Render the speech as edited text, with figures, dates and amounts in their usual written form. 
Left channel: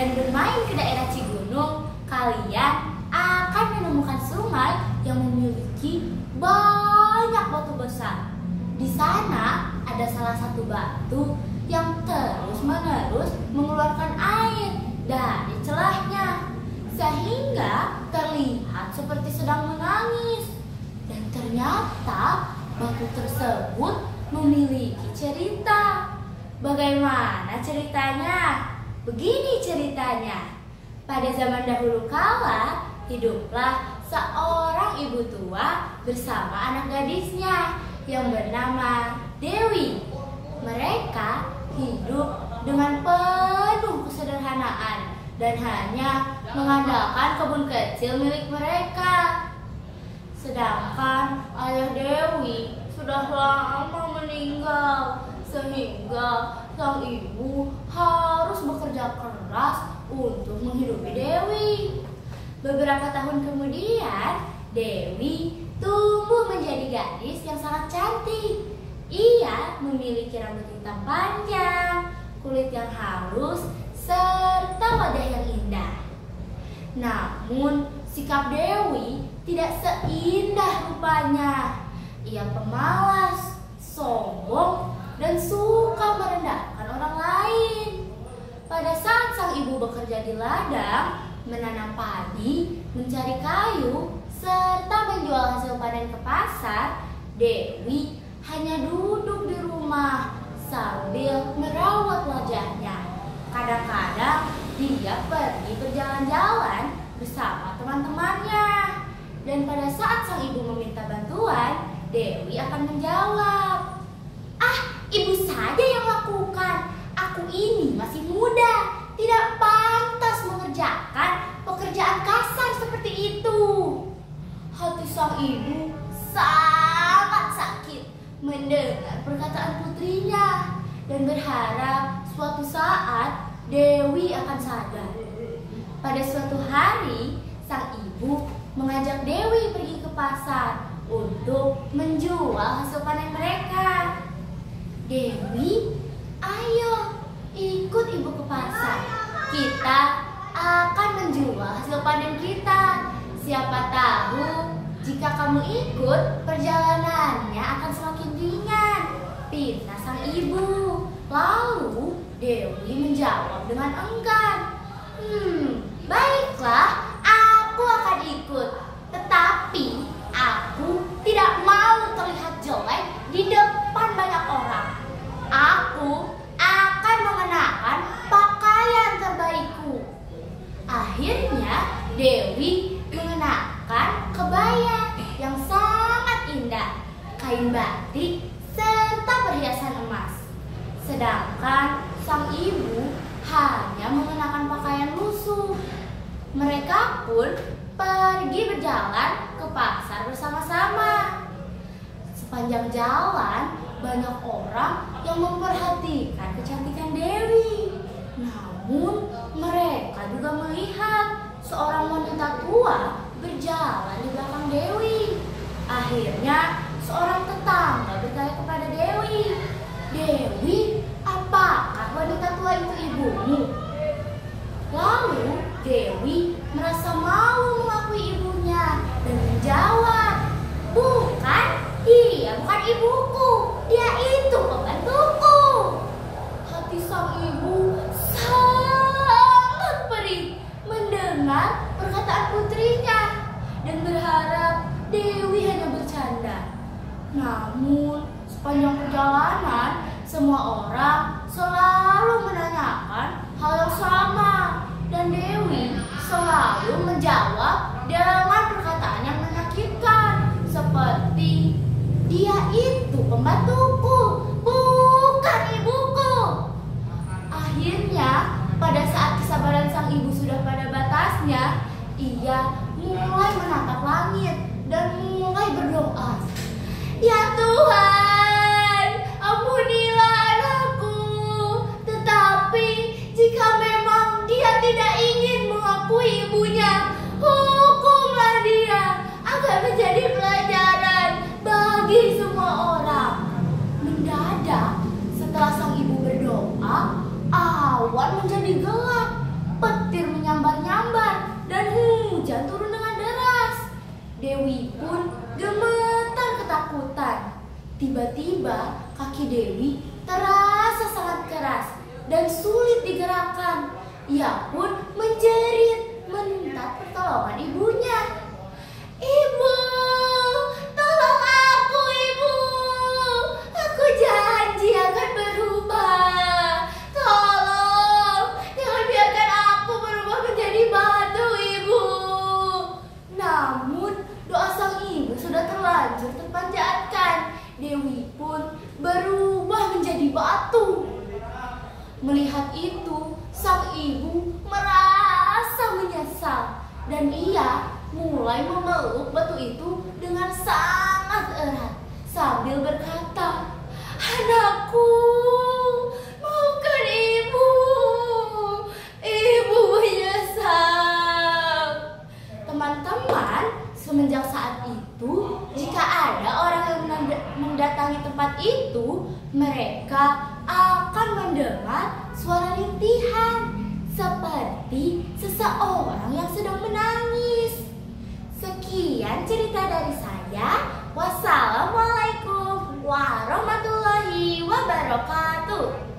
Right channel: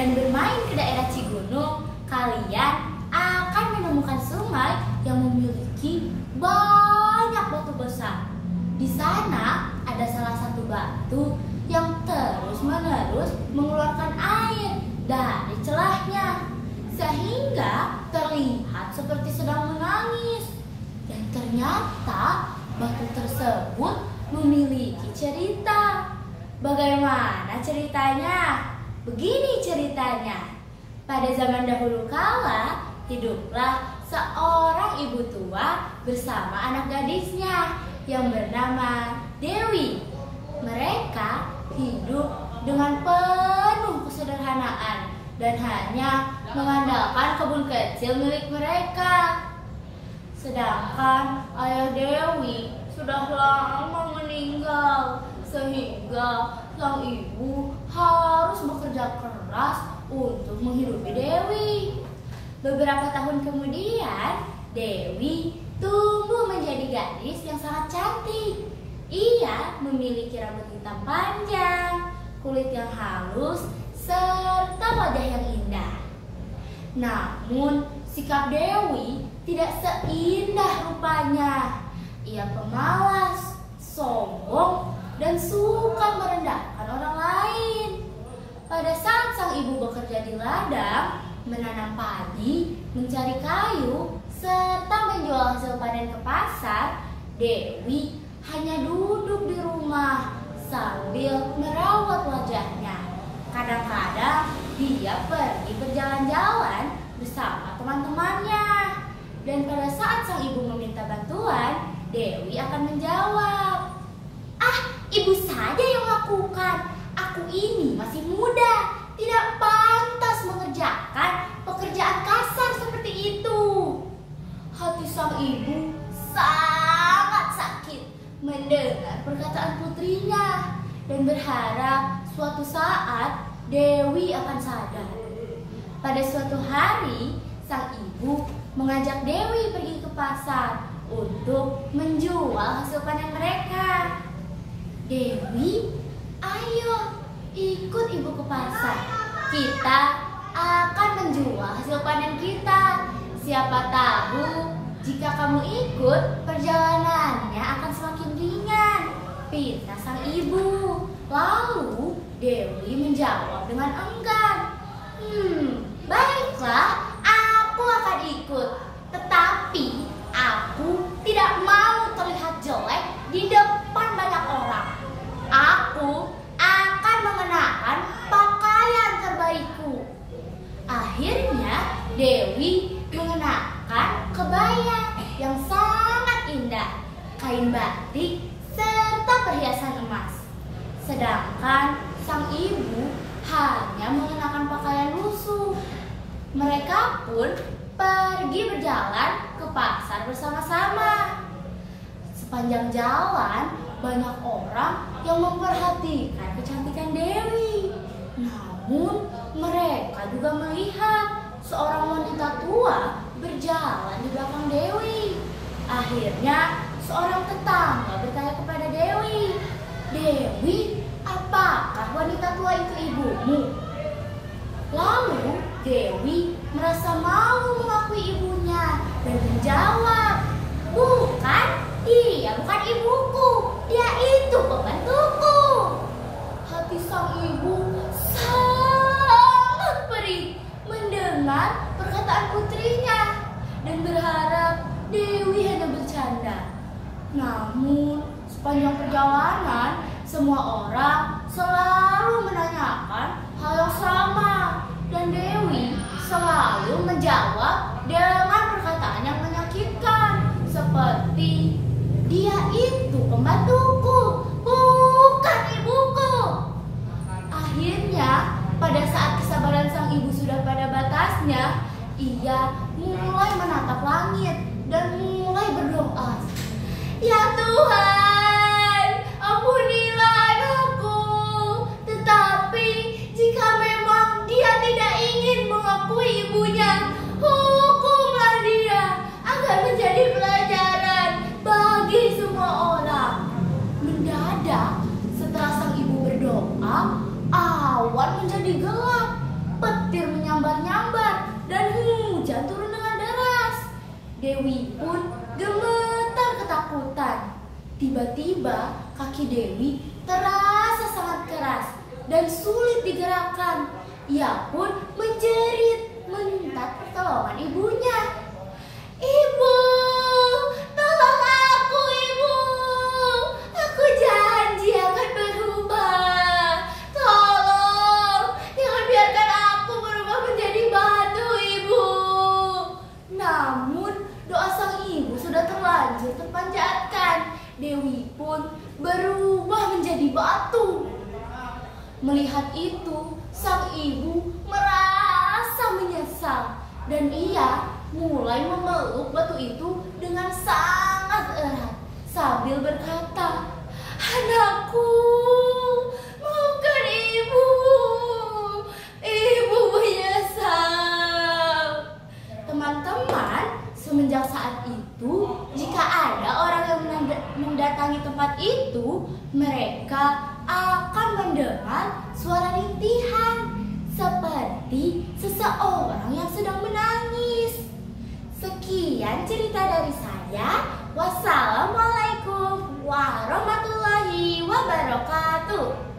dan bermain ke daerah Cigunung, kalian akan menemukan sungai yang memiliki banyak batu besar. Di sana ada salah satu batu yang terus-menerus mengeluarkan air dari celahnya, sehingga terlihat seperti sedang menangis. Dan ternyata batu tersebut memiliki cerita. Bagaimana ceritanya? Begini ceritanya. Pada zaman dahulu kala, hiduplah seorang ibu tua bersama anak gadisnya yang bernama Dewi. Mereka hidup dengan penuh kesederhanaan dan hanya mengandalkan kebun kecil milik mereka. Sedangkan ayah Dewi sudah lama meninggal, sehingga sang ibu harus bekerja keras untuk menghidupi Dewi. Beberapa tahun kemudian, Dewi tumbuh menjadi gadis yang sangat cantik. Ia memiliki rambut hitam panjang, kulit yang halus, serta wajah yang indah. Namun, sikap Dewi tidak seindah rupanya. Ia pemalas, sombong, dan suka merendahkan orang lain. Pada saat sang ibu bekerja di ladang, menanam padi, mencari kayu, serta menjual hasil panen ke pasar, Dewi hanya duduk di rumah sambil merawat wajahnya. Kadang-kadang dia pergi berjalan-jalan bersama teman-temannya. Dan pada saat sang ibu meminta bantuan, Dewi akan menjawab, "Ah, ibu saja yang lakukan. Aku ini masih muda, tidak pantas mengerjakan pekerjaan kasar seperti itu." Hati sang ibu sangat sakit mendengar perkataan putrinya dan berharap suatu saat Dewi akan sadar. Pada suatu hari, sang ibu mengajak Dewi pergi ke pasar untuk menjual hasil panen mereka. "Dewi, ayo ikut ibu ke pasar. Kita akan menjual hasil panen kita. Siapa tahu jika kamu ikut, perjalanannya akan semakin ringan," pinta sang ibu. Lalu Dewi menjawab dengan enggan. Baiklah, aku akan ikut. Tetapi aku tidak mau terlihat jelek di depan banyak orang. Aku akan mengenakan pakaian terbaikku. Akhirnya Dewi mengenakan kebaya yang sangat indah, kain batik, serta perhiasan emas. Sedangkan sang ibu hanya mengenakan pakaian lusuh. Mereka pun pergi berjalan ke pasar bersama-sama. Sepanjang jalan, banyak orang yang memperhatikan kecantikan Dewi. Namun, mereka juga melihat seorang wanita tua berjalan di belakang Dewi. Akhirnya, seorang tetangga bertanya kepada Dewi, "Dewi, apakah wanita tua itu ibumu?" Lalu Dewi merasa malu mengakui ibunya dan menjawab, "Bukan, dia bukan ibuku, dia itu pembantuku." Hati sang ibu sangat perih mendengar perkataan putrinya dan berharap Dewi hanya bercanda. Namun sepanjang perjalanan, semua orang selalu menanyakan hal yang sama, dan Dewi selalu menjawab dengan perkataan yang menyakitkan, seperti, "Dia itu pembantuku, bukan ibuku." Akhirnya, pada saat kesabaran sang ibu sudah pada batasnya, ia mulai menatap langit dan mulai berdoa, "Ya Tuhan, ampunilah anakku. Tetapi jika memang dia tidak ingin mengakui ibunya, hukumlah dia agar menjadi pelajaran bagi semua orang." Mendadak, setelah sang ibu berdoa, awan menjadi gelap. menyambar dan hujan turun dengan deras. Dewi pun gemetar ketakutan. Tiba-tiba kaki Dewi terasa sangat keras dan sulit digerakkan. Ia pun menjerit minta pertolongan ibunya. "Ibu, tolong aku, Ibu. Aku janji akan berubah. Tolong, jangan biarkan aku berubah menjadi batu, Ibu." Namun doa sang ibu sudah terlanjur terpanjatkan. Dewi pun berubah menjadi batu. Melihat itu, sang ibu merasa menyesal dan ia mulai memeluk batu itu dengan sangat erat sambil berkata, "Anakku, maafkan ibu. Ibu menyesal." Teman-teman, semenjak saat itu, jika ada orang yang mendatangi tempat itu, mereka akan mendengar suara rintihan seperti seseorang yang sedang menangis. Sekian cerita dari saya. Wassalamualaikum warahmatullahi wabarakatuh.